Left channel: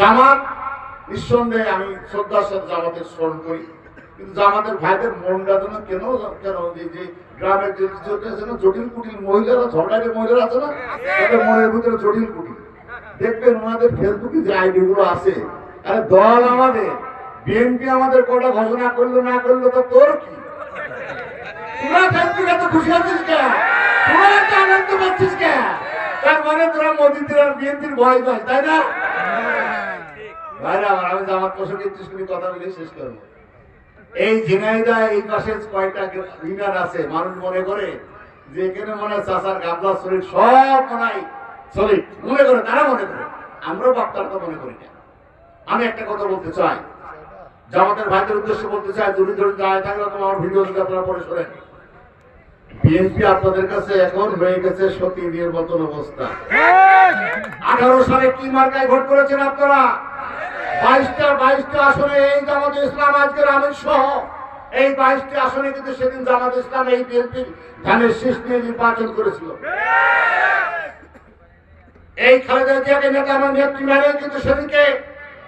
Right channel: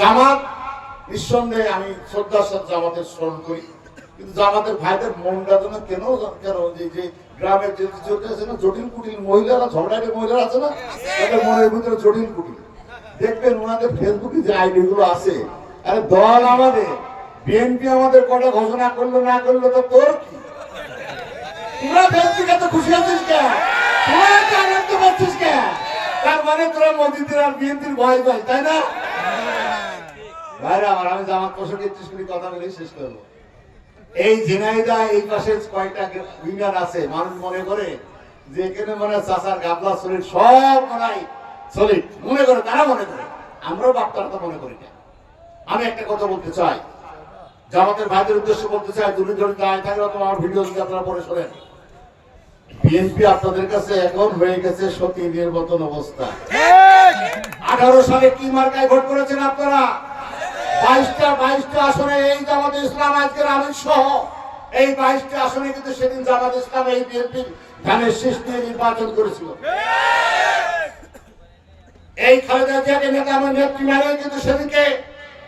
জামাত নিঃসন্দেহে আমি শ্রদ্ধার সাথে জামাতের স্মরণ করি, কিন্তু জামাতের ভাইদের মনটা যেন কেন কেন যে গ্রামের যে আছে না জটিল কুটিল মহিলারা, ঝগড়াটে মহিলারা আছে না, তাদের মনের ভিতরে জটিল কুটিল। দেখবেন ওনাদের ফেসবুকে যে আইডি গুলো আছে, আরে দল আমাদের, বিএনপি আমাদের কটা ঘোষণা করলো না করলো তো তোর কি? তোরা ফেসবুকে তো খুশি আছিস কেন? তোরা তো আনন্দ পাচ্ছিস কেন? তার মানে তোরা মোদীদের আর বিএনপির ভয় পাই, তাই না? ভাইরা আমার, আমি জামাত পোষণ একটু কথা বলে শেষ করবো। এই ঝিনাইদা এই পাশে কয়েকটা ইউনিয়ন আছে, মানুষ মনে করে যে এখানে মনে হয় চাষার গাবলা শরীর সব মনে হয় শরীর মনে করে, তারা মনে করে, আমরাও বাপ্তারা তো মনে করি না। আমি একটা কথা বলতে চাই, জামাতের ভাইদের উদ্দেশ্যে বলতে চাই, দুটি ধরে দাঁড়ায় থাকলে তোমার ভিডিও যদি আপনারা পরে শোনেন, বিএনপি আপনাদের কাছে এখন হয়ে গেছে সতীনের মতন অবস্থা। 18 সালে কি মার্কায় ভোট করেছেন আপনারা? 22টা আসনে এই জামাত ইসলাম আজকের আমির সহ এই 22টা আসনে কিন্তু সেদিন জামাত ইসলাম এই বিএনপির ধানের শীষ নিয়ে নির্বাচন করেছিল। এই খালেদা জিয়াকে নেতা এবং নেত্রী মানে কিন্তু সেদিকে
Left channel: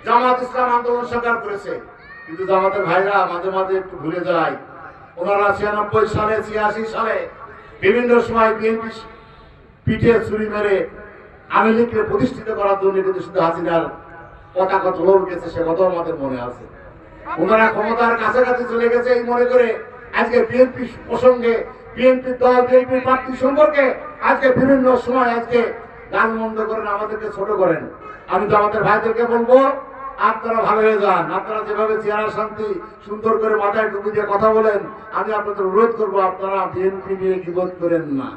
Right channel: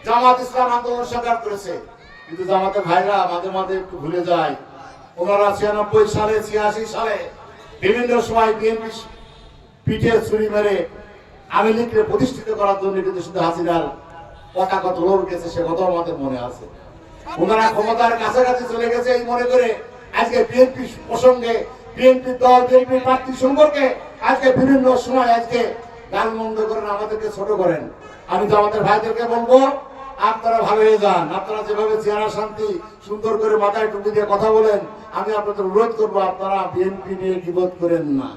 জামাত ইসলাম আন্দোলন সাকার করেছে। কিন্তু জামাতের ভাইরা মাঝে মাঝে একটু ভুলে যায়, ওনারা 96 সালে 86 সালে বিভিন্ন সময় বিএনপি পিঠে ছুরি মেরে আওয়ামী লীগকে প্রতিষ্ঠিত করার জন্য কিন্তু শুধু হাসিনার পতাকা তোলন গেছে, সে কথা আমাদের মনে আছে। ওনারা ক্ষমতার কাছাকাছি চলে গেছে এই মনে করে আজকে বিএনপি প্রসঙ্গে, বিএনপি দল, বিএনপি প্রার্থী সম্পর্কে আজকে বিভিন্ন সময় আজকে গালমন্দ করেন, আমাদেরকে ছোট করেন। আমি তো আমাদের ভাইদেরকে বলবো, আপনারা ভালো হয়ে যান। আপনারা যেভাবে চেহারা শান্তি সুন্দর করে মাথায় টুপি দিয়ে কথা বলেন, আমি আপনাদের অনুরোধ করবো আপনারা বিএনপি নিয়ে গীবত করেন না।